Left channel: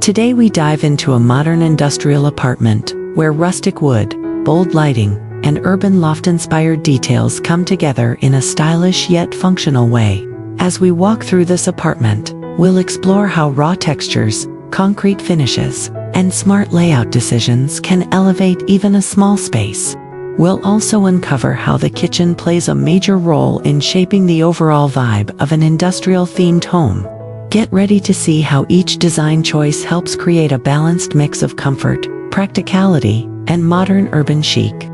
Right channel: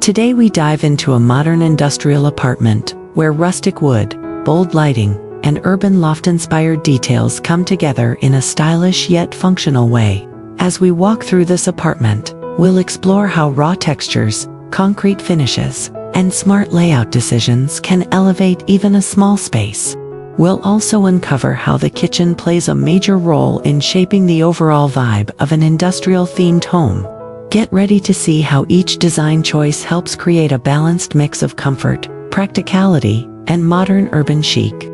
Today we dive into a modern industrial apartment, where rustic wood, bold lighting, and urban loft-inspired details come together in a stylish yet functional way. As we walk through this apartment, we'll explore how raw textures, concrete finishes, and smart layout decisions can elevate even a small space. We'll also uncover how the kitchen plays a major role in shaping the overall vibe of an industrial-themed home. Get ready to see how each design choice helps create a balanced mix of comfort, practicality, and modern urban chic.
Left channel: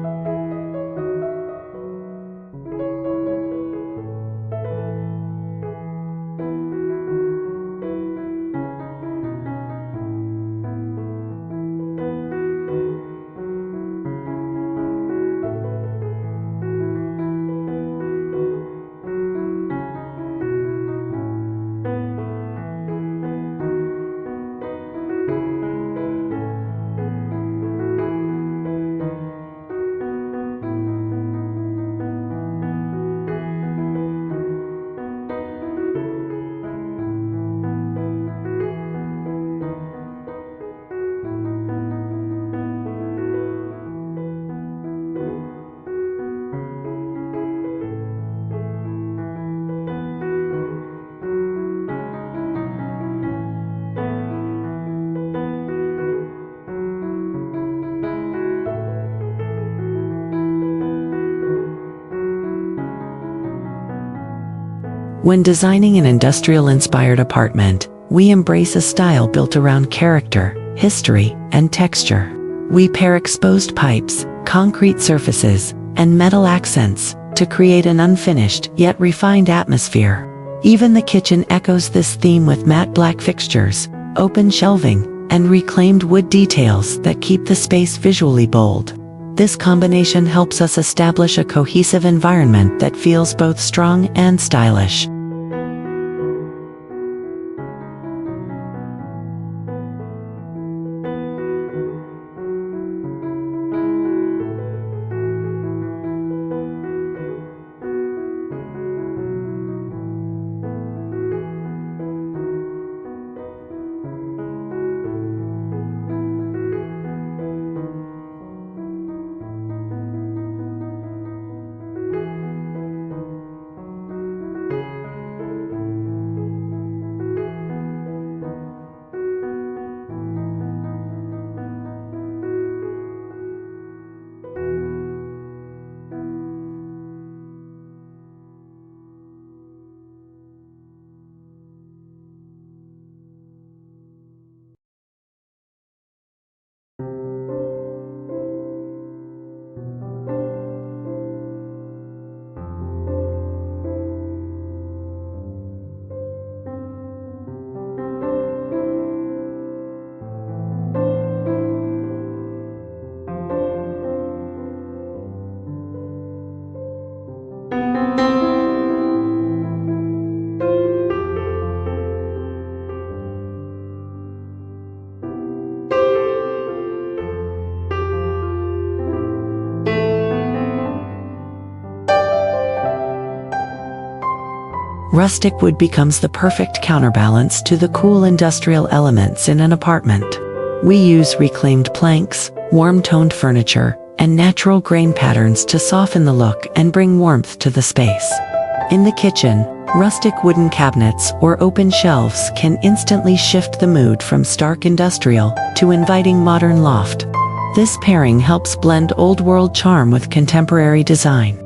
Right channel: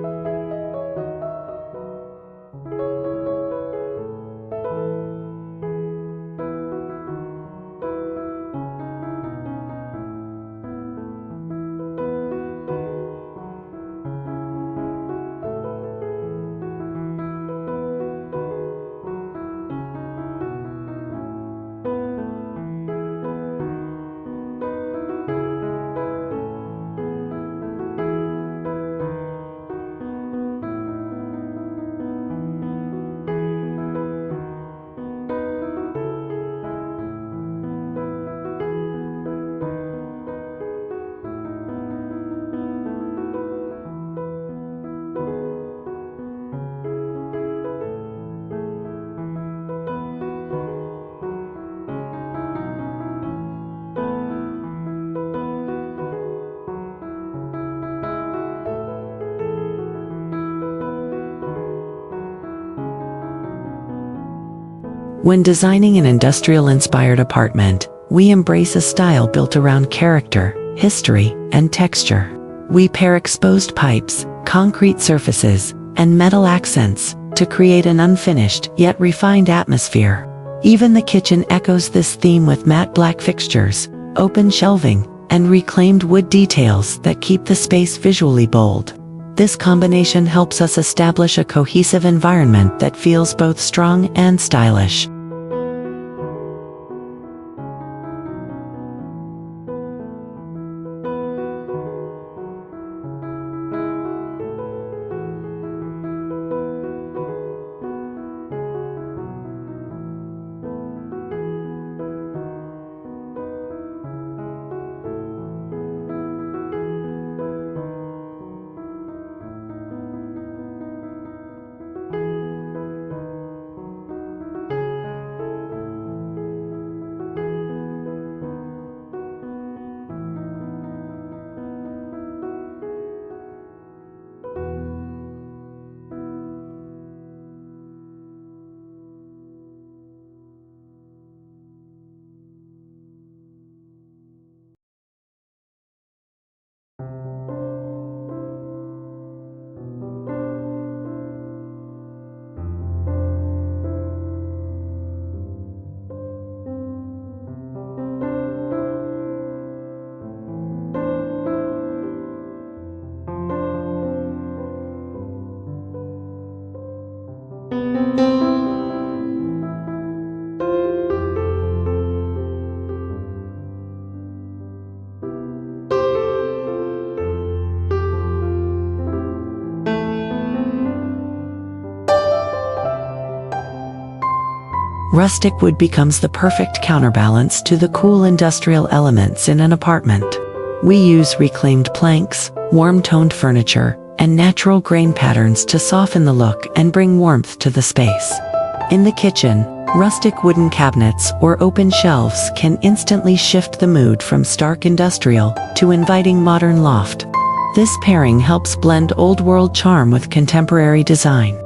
When designing an industrial-inspired apartment, we embrace a style built around character, history, and texture. We pair exposed pipes, concrete surfaces, and metal accents to create an unfinished yet refined atmosphere. Even the kitchen echoes this theme with matte black fixtures, open shelving, and reclaimed wood details that keep the space visually bold. This combination helps us establish a cohesive environment that feels both strong and stylish. Rustic wood becomes the perfect counterbalance to the cool industrial elements in an apartment. We use reclaimed planks, warm-toned furniture, and natural grain patterns to soften the look and bring warmth to the space. In the kitchen, rustic wooden cabinets or open shelves can instantly shift the mood from stark industrial to inviting modern loft. This pairing helps blend old-world charm with contemporary design.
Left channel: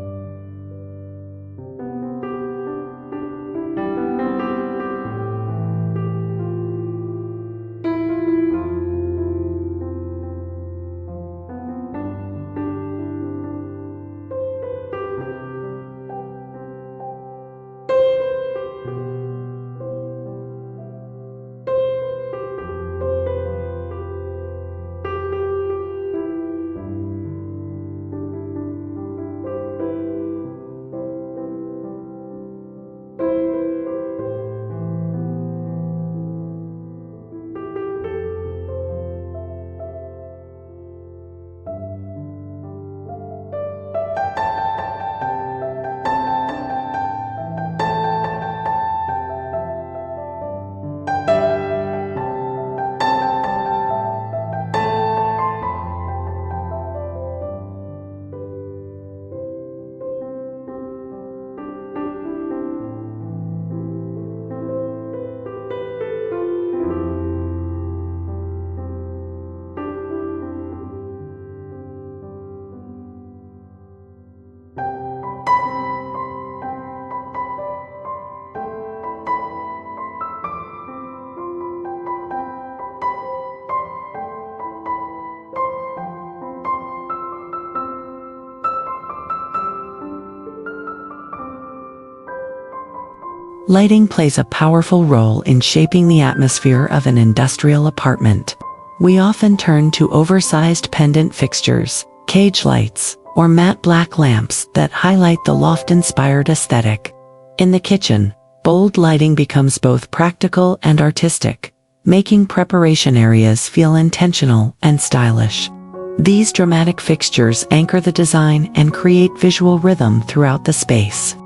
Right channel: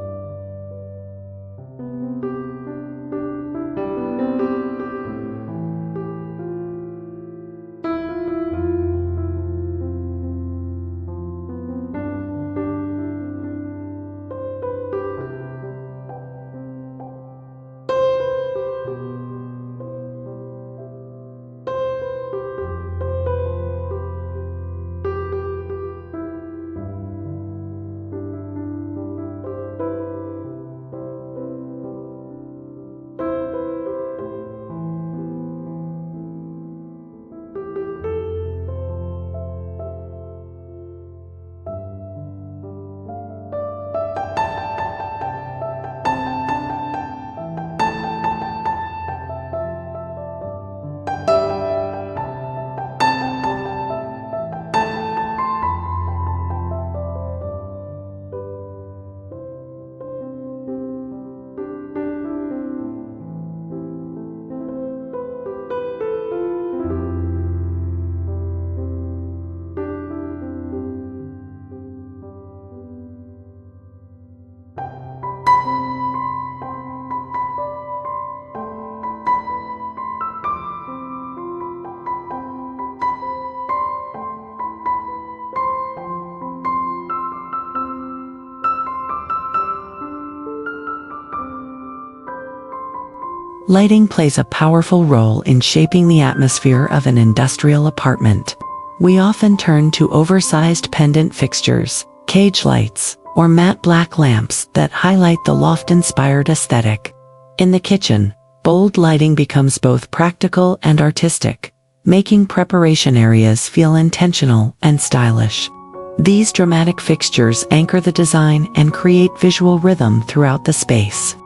Lighting plays a powerful role in shaping the atmosphere of an industrial apartment. We often turn to oversized pendant fixtures, cage lights, or matte black lamps that highlight the loft-inspired aesthetic. In the kitchen, bold lighting becomes both practical and artistic, making preparation areas feel intentional and stylish. These dramatic fixtures anchor the design and create visual rhythm throughout the space.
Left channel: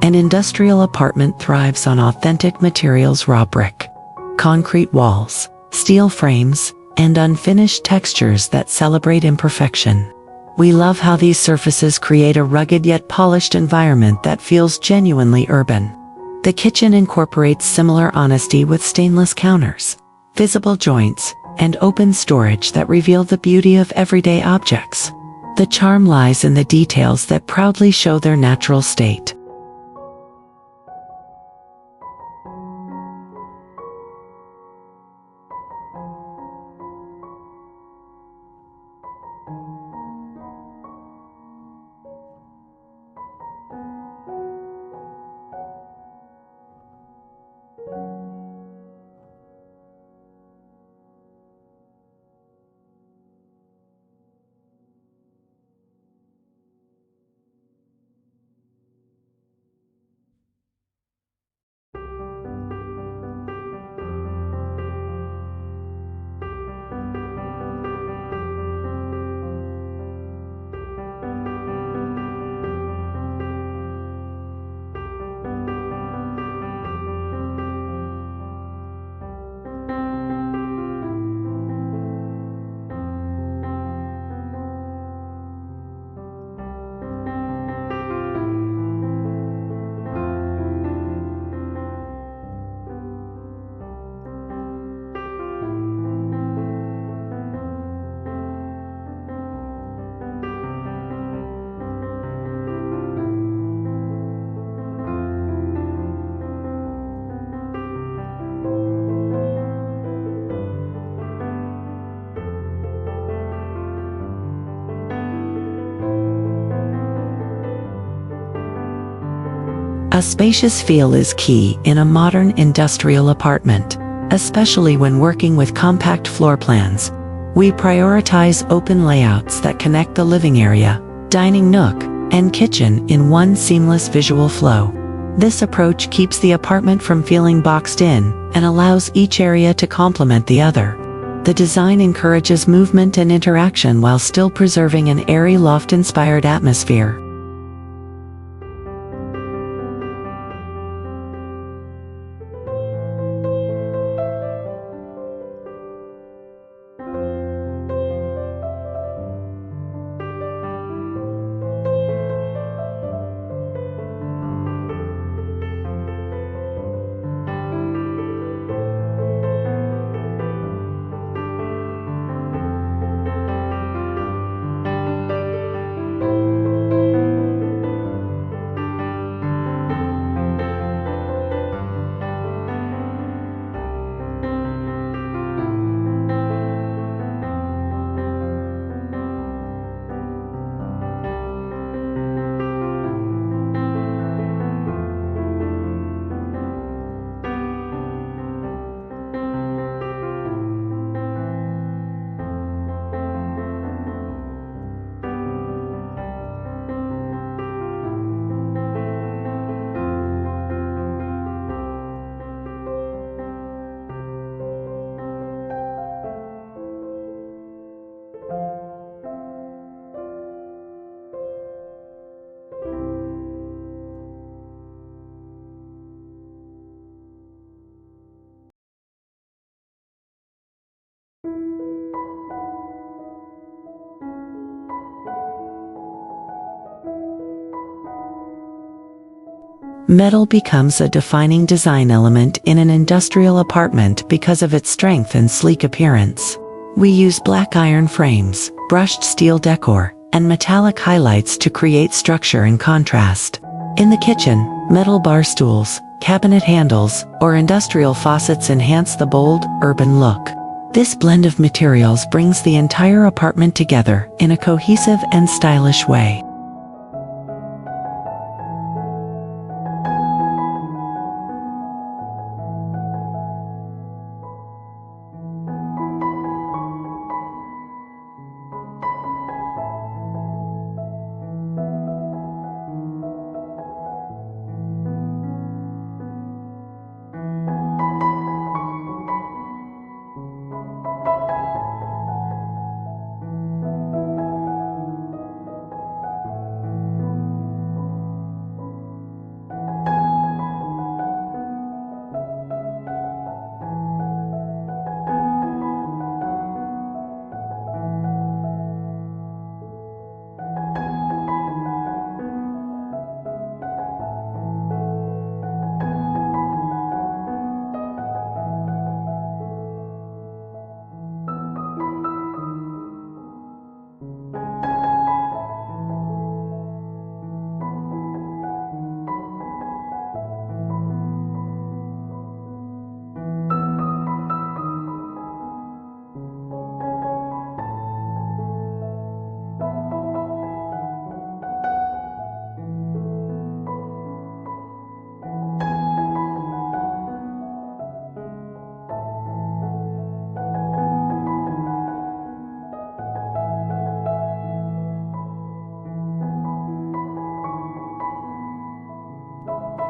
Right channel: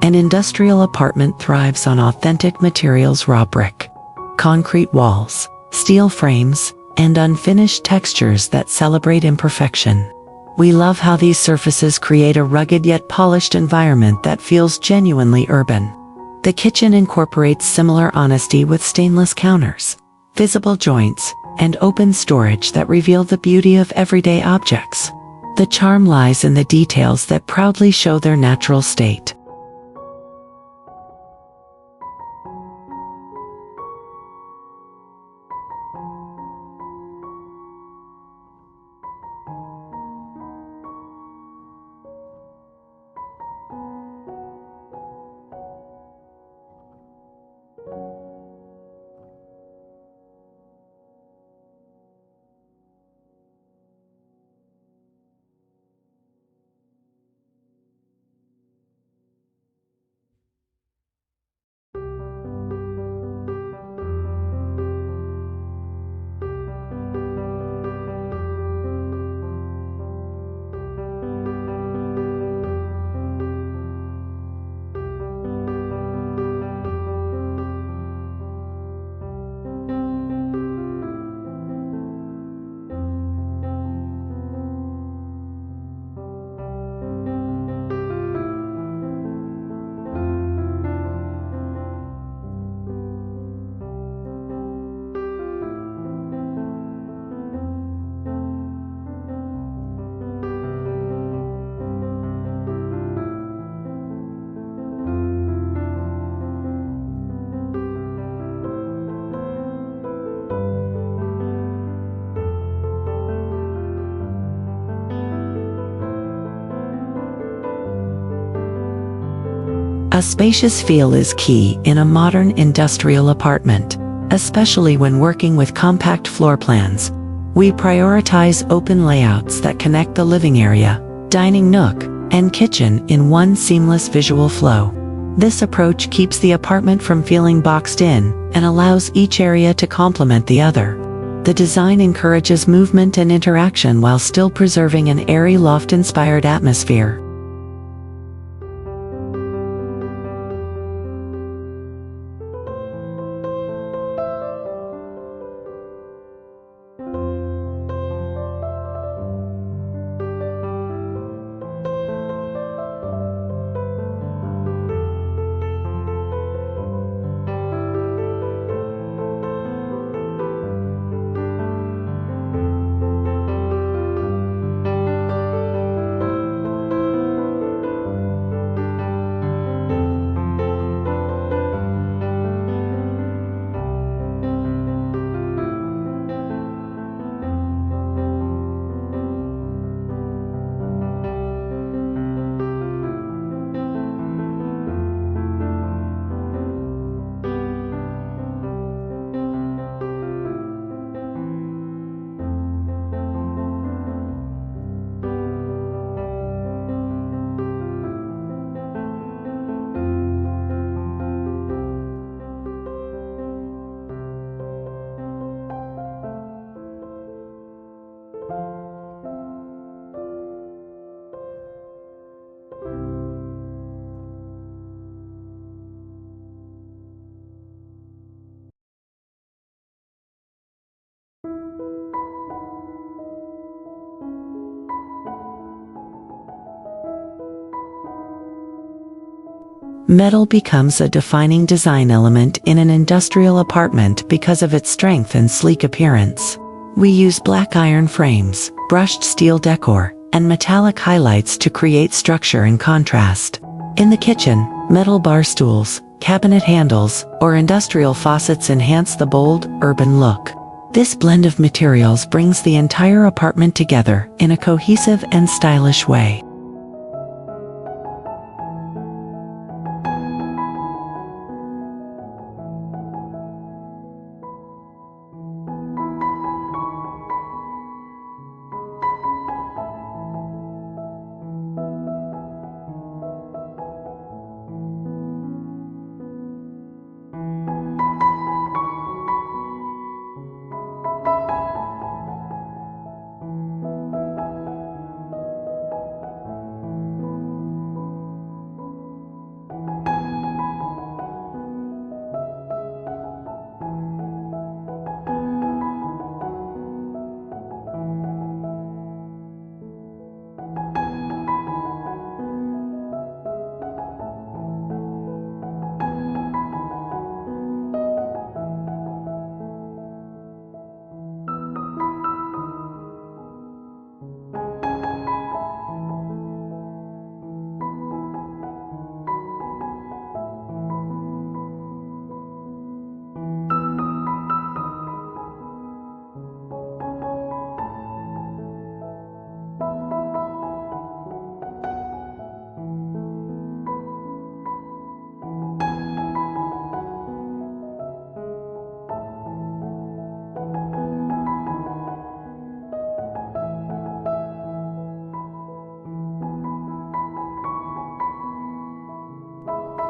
An industrial apartment thrives on authentic materials: raw brick, concrete walls, steel frames, and unfinished textures that celebrate imperfection. We love how these surfaces create a rugged yet polished environment that feels genuinely urban. The kitchen incorporates similar honesty with stainless counters, visible joints, and open storage that reveal the beauty of everyday objects. The charm lies in the details that proudly show their natural state. A spacious feel is key in a modern industrial apartment, especially when working with compact floor plans. We prioritize open layouts that connect the living area, dining nook, and kitchen in one seamless visual flow. This approach keeps the apartment from feeling boxed in and allows each area to complement the other. The design encourages movement and interaction while still preserving an airy loft-inspired atmosphere. Metal becomes a defining design element in an industrial apartment because of its strength and sleek appearance. We use black iron frames, brushed steel decor, and metallic highlights to create structure and contrast. In the kitchen, metal bar stools, cabinet handles, or industrial faucets enhance the bold, urban look. This blend of materials brings the entire apartment together in a cohesive and stylish way.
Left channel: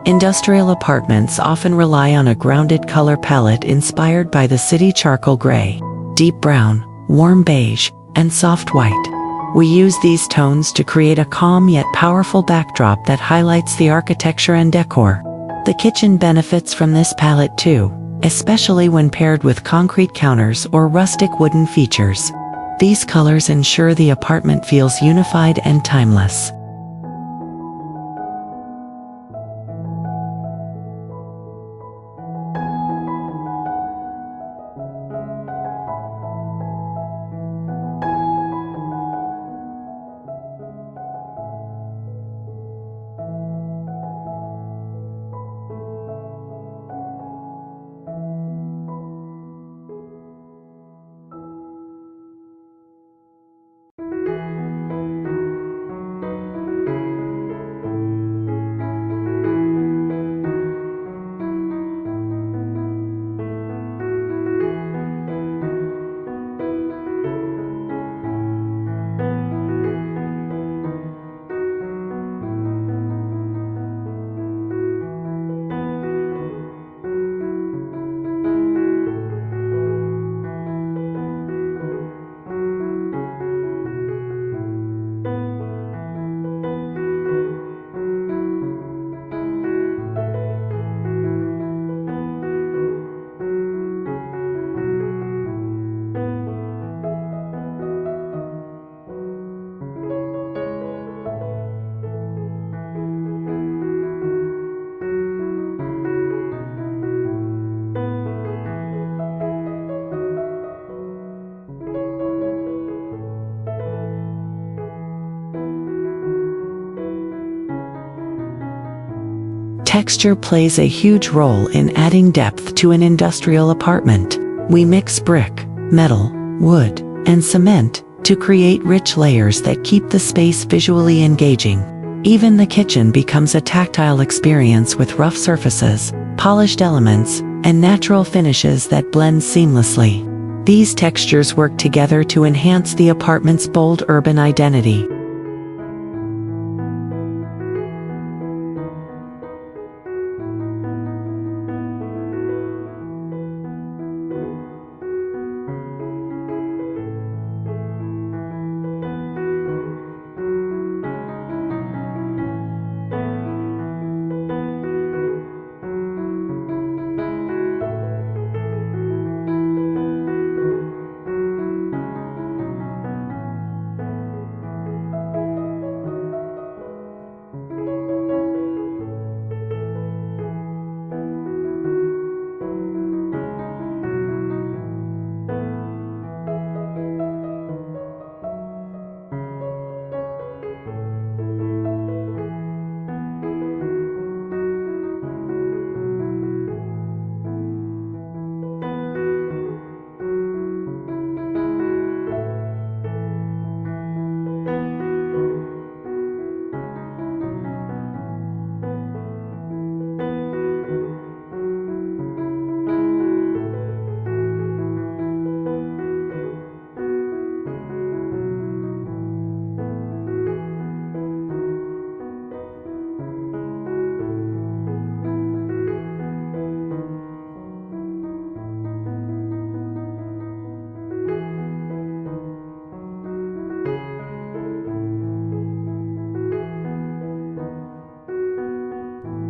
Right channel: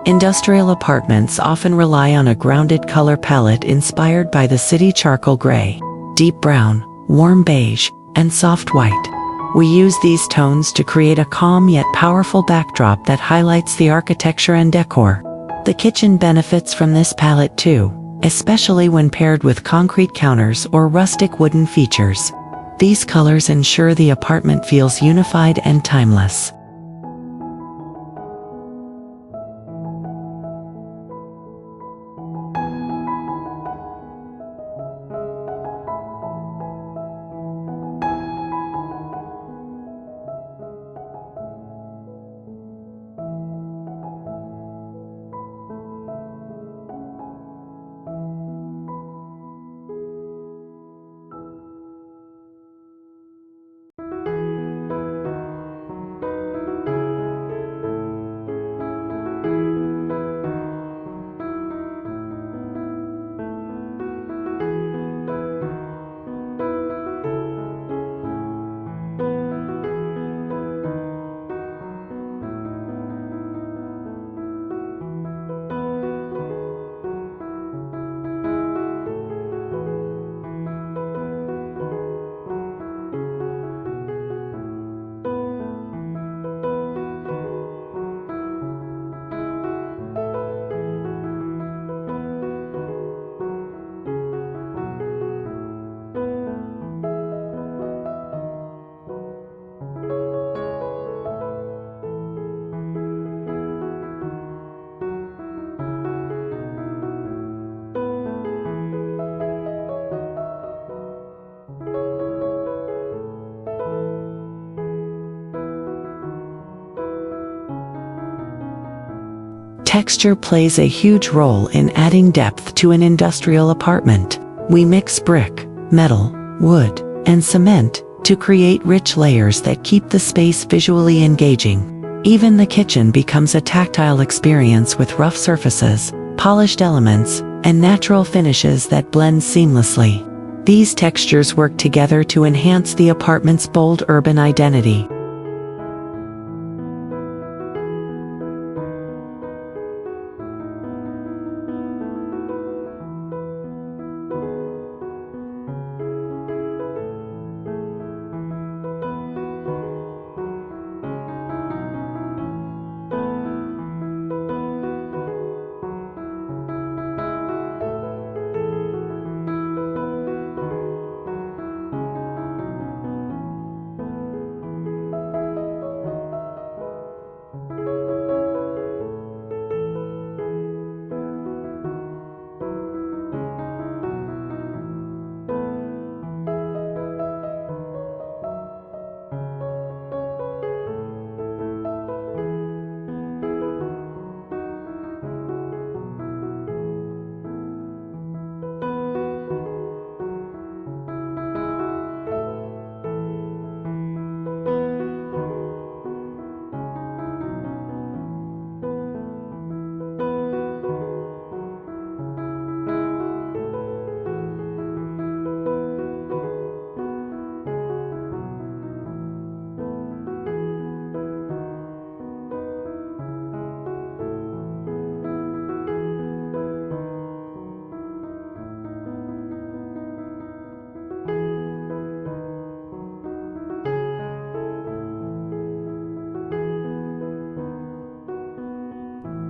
Industrial apartments often rely on a grounded color palette inspired by the city: charcoal gray, deep brown, warm beige, and soft white. We use these tones to create a calm yet powerful backdrop that highlights the architecture and decor. The kitchen benefits from this palette too, especially when paired with concrete counters or rustic wooden features. These colors ensure the apartment feels unified and timeless. Texture plays a huge role in adding depth to an industrial apartment. We mix brick, metal, wood, and cement to create rich layers that keep the space visually engaging. Even the kitchen becomes a tactile experience with rough surfaces, polished elements, and natural finishes that blend seamlessly. These textures work together to enhance the apartment's bold urban identity.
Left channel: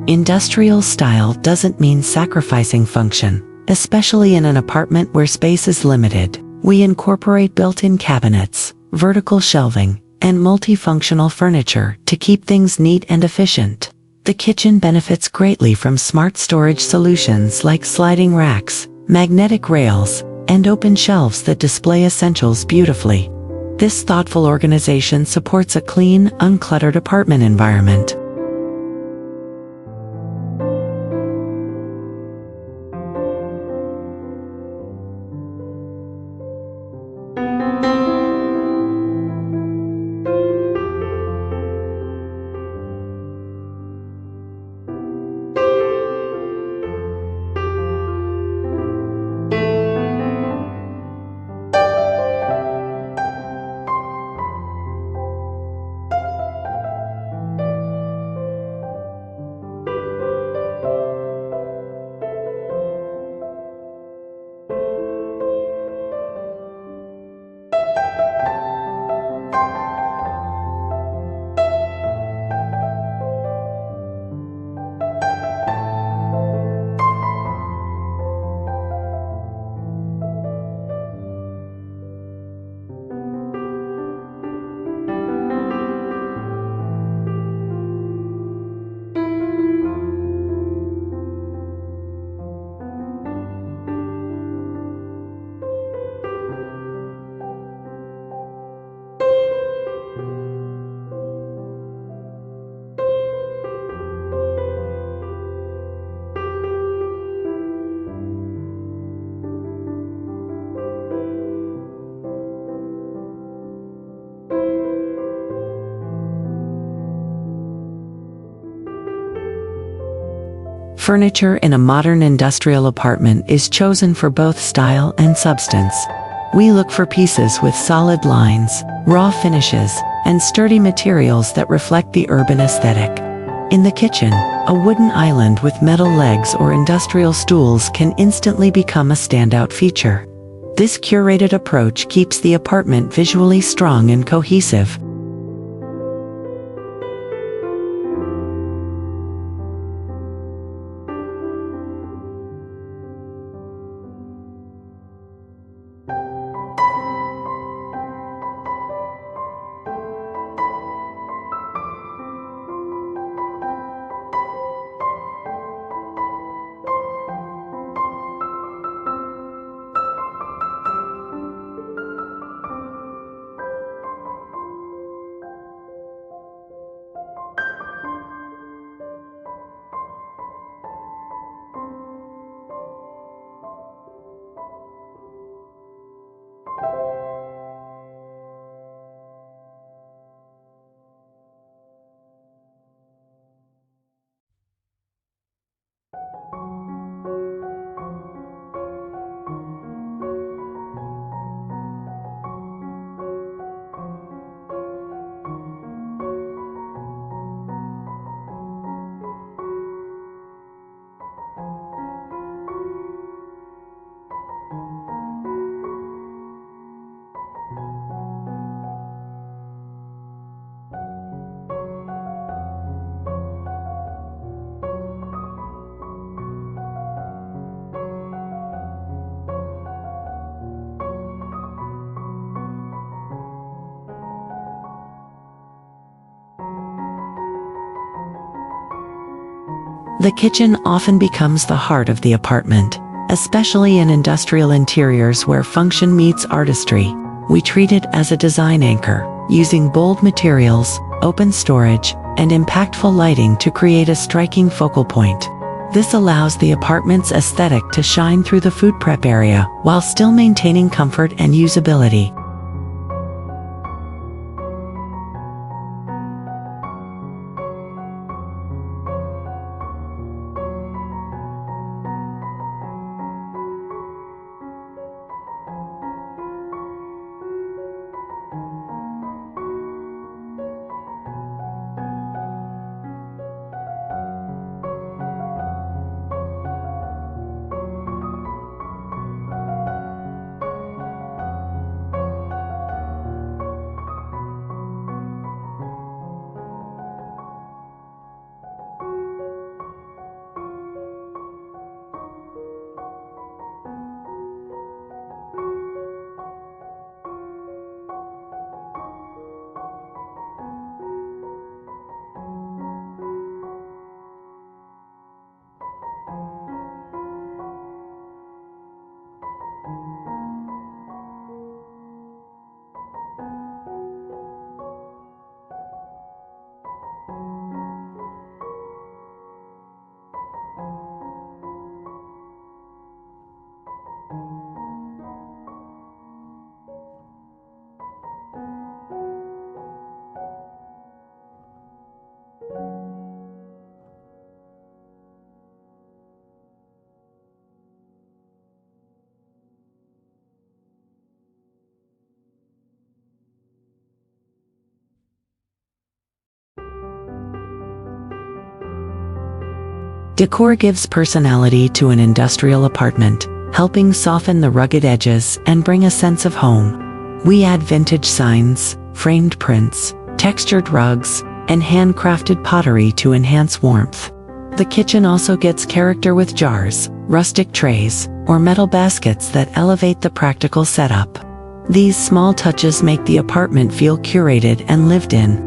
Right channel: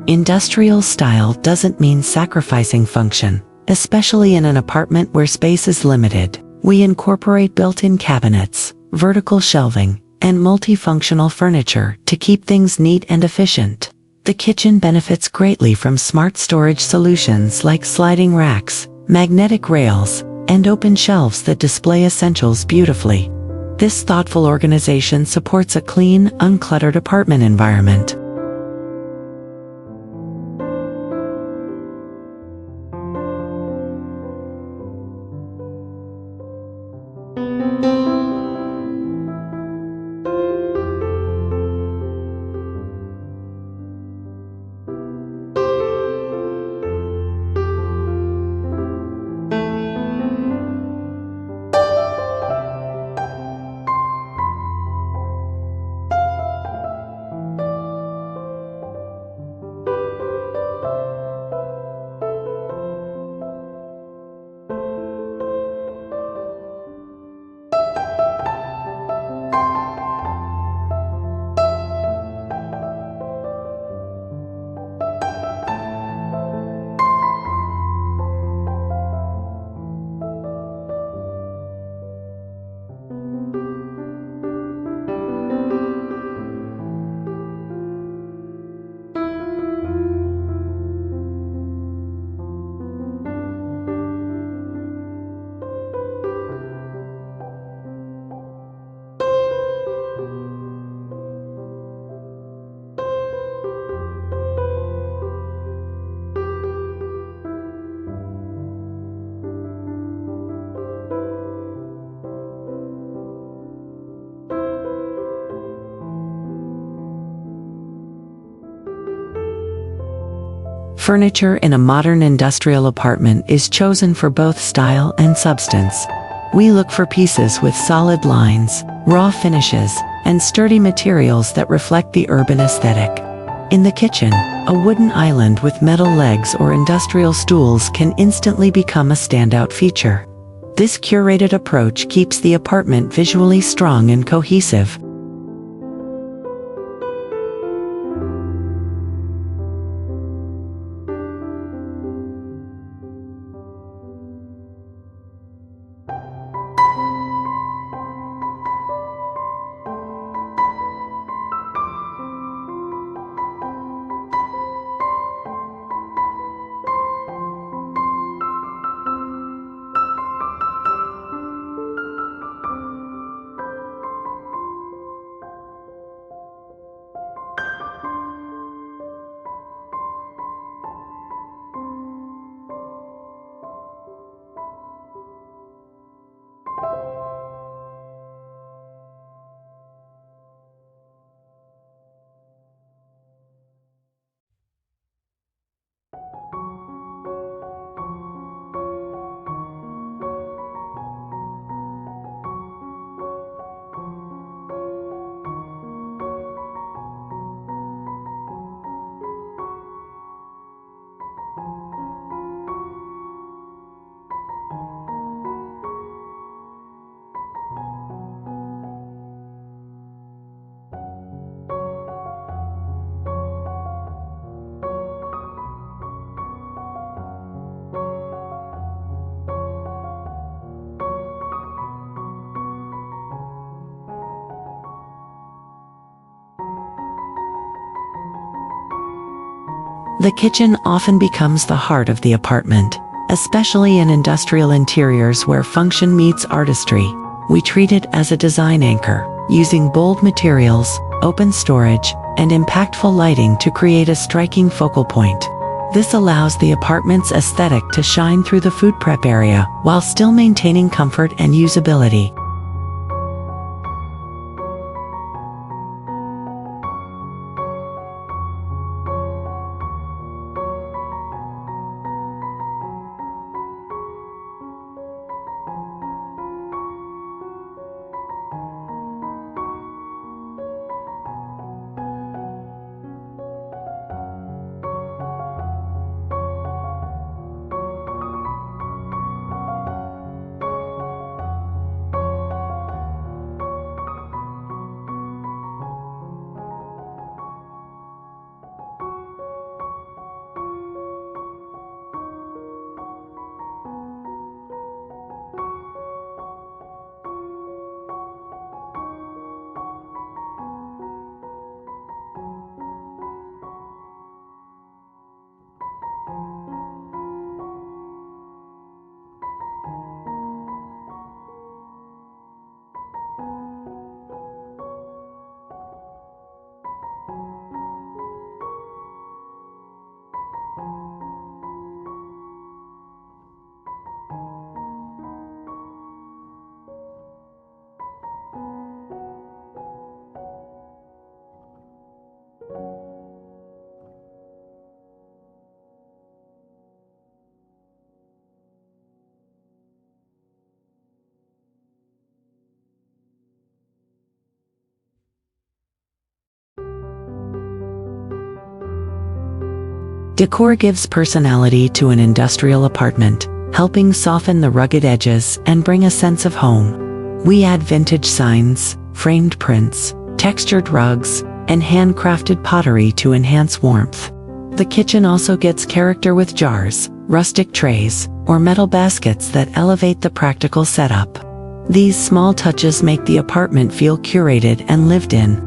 Industrial style doesn't mean sacrificing function, especially in an apartment where space is limited. We incorporate built-in cabinets, vertical shelving, and multifunctional furniture to keep things neat and efficient. The kitchen benefits greatly from smart storage solutions like sliding racks, magnetic rails, and open shelves that display essentials beautifully. This thoughtful organization supports a clean, uncluttered apartment environment. Furniture in a modern industrial apartment is chosen for both style and substance. We look for pieces with solid lines, raw finishes, and sturdy materials that reflect the urban aesthetic. In the kitchen, a wooden island with metal legs or industrial stools can instantly become a standout feature. This curated approach keeps the apartment visually strong and cohesive. The kitchen often becomes the heart of the apartment, especially in industrial interiors where function meets artistry. We treat it as a design anchor, using bold materials, open storage, and impactful lighting to create a striking focal point. This allows the apartment's aesthetic to shine through the food prep area while still maintaining comfort and usability. Decor gives personality to an industrial apartment, helping soften the rugged edges and bring a sense of home. We add vintage signs, framed prints, textured rugs, and handcrafted pottery to enhance warmth. The kitchen also gets character with jars, rustic trays, or metal baskets that elevate the practical setup. These small touches make the apartment feel curated and lived in.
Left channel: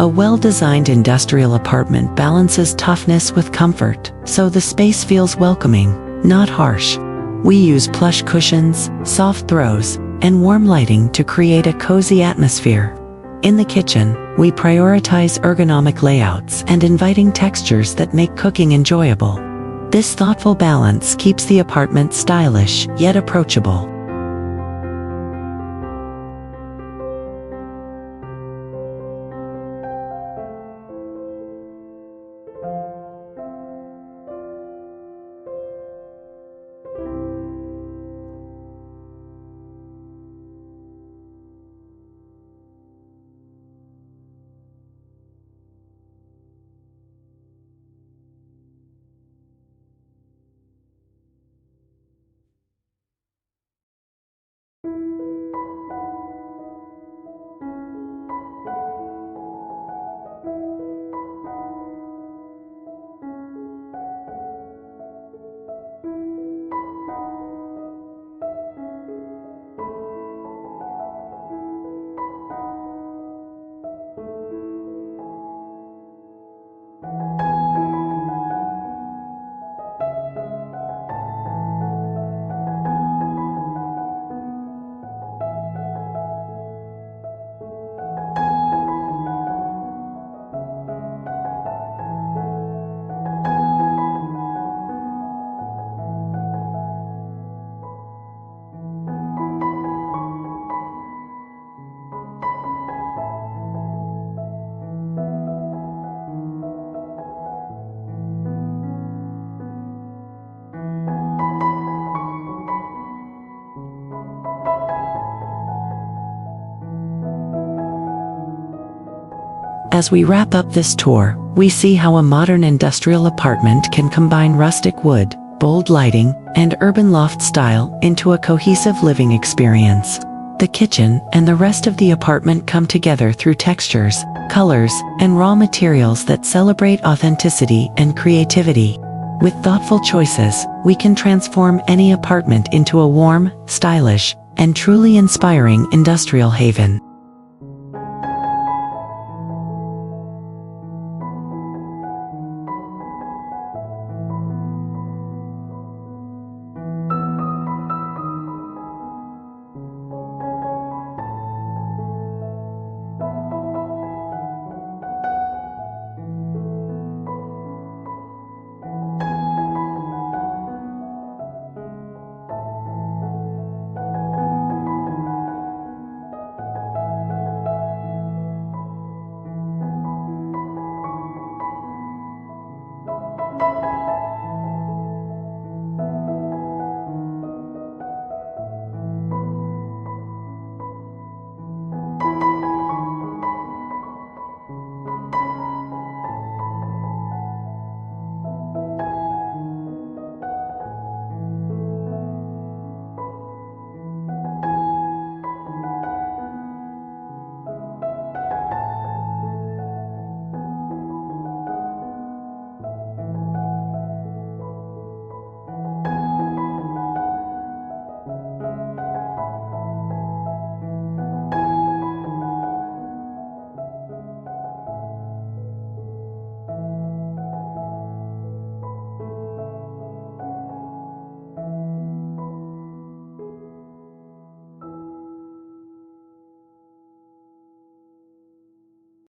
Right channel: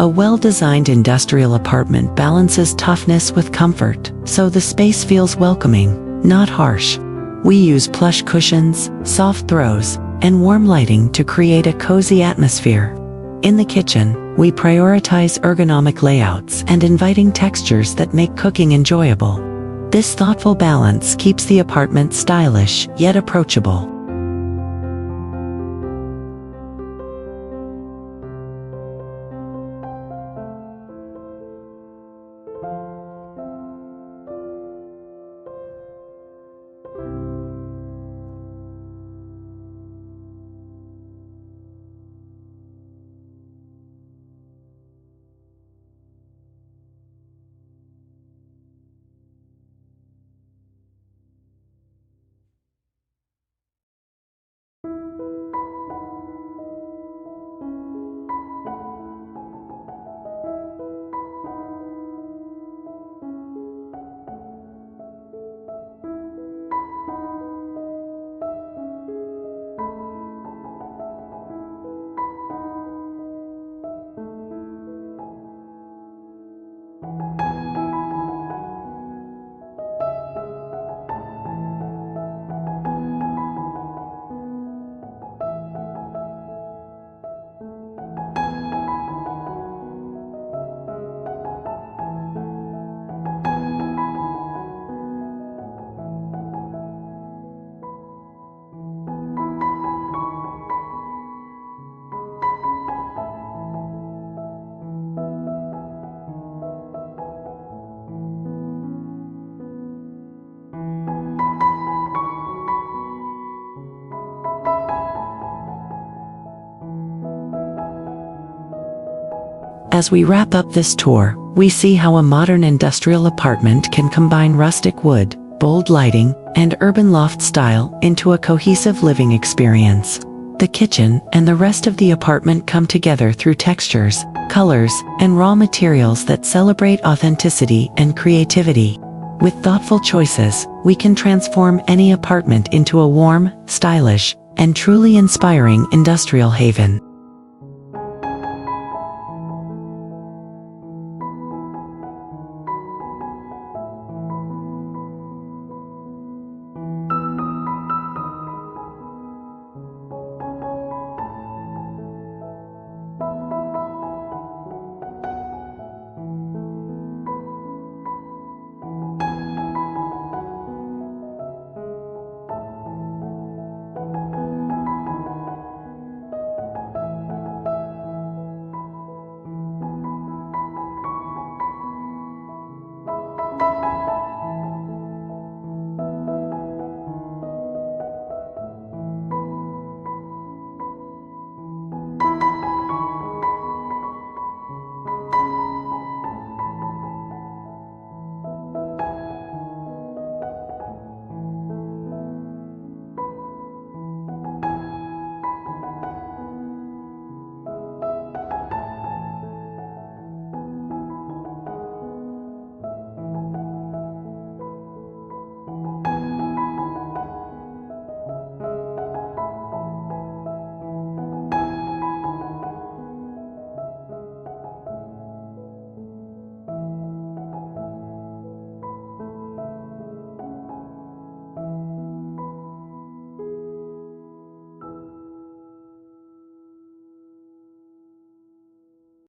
A well-designed industrial apartment balances toughness with comfort, so the space feels welcoming, not harsh. We use plush cushions, soft throws, and warm lighting to create a cozy atmosphere. In the kitchen, we prioritize ergonomic layouts and inviting textures that make cooking enjoyable. This thoughtful balance keeps the apartment stylish yet approachable. As we wrap up this tour, we see how a modern industrial apartment can combine rustic wood, bold lighting, and urban loft style into a cohesive living experience. The kitchen and the rest of the apartment come together through textures, colors, and raw materials that celebrate authenticity and creativity. With thoughtful choices, we can transform any apartment into a warm, stylish, and truly inspiring industrial haven.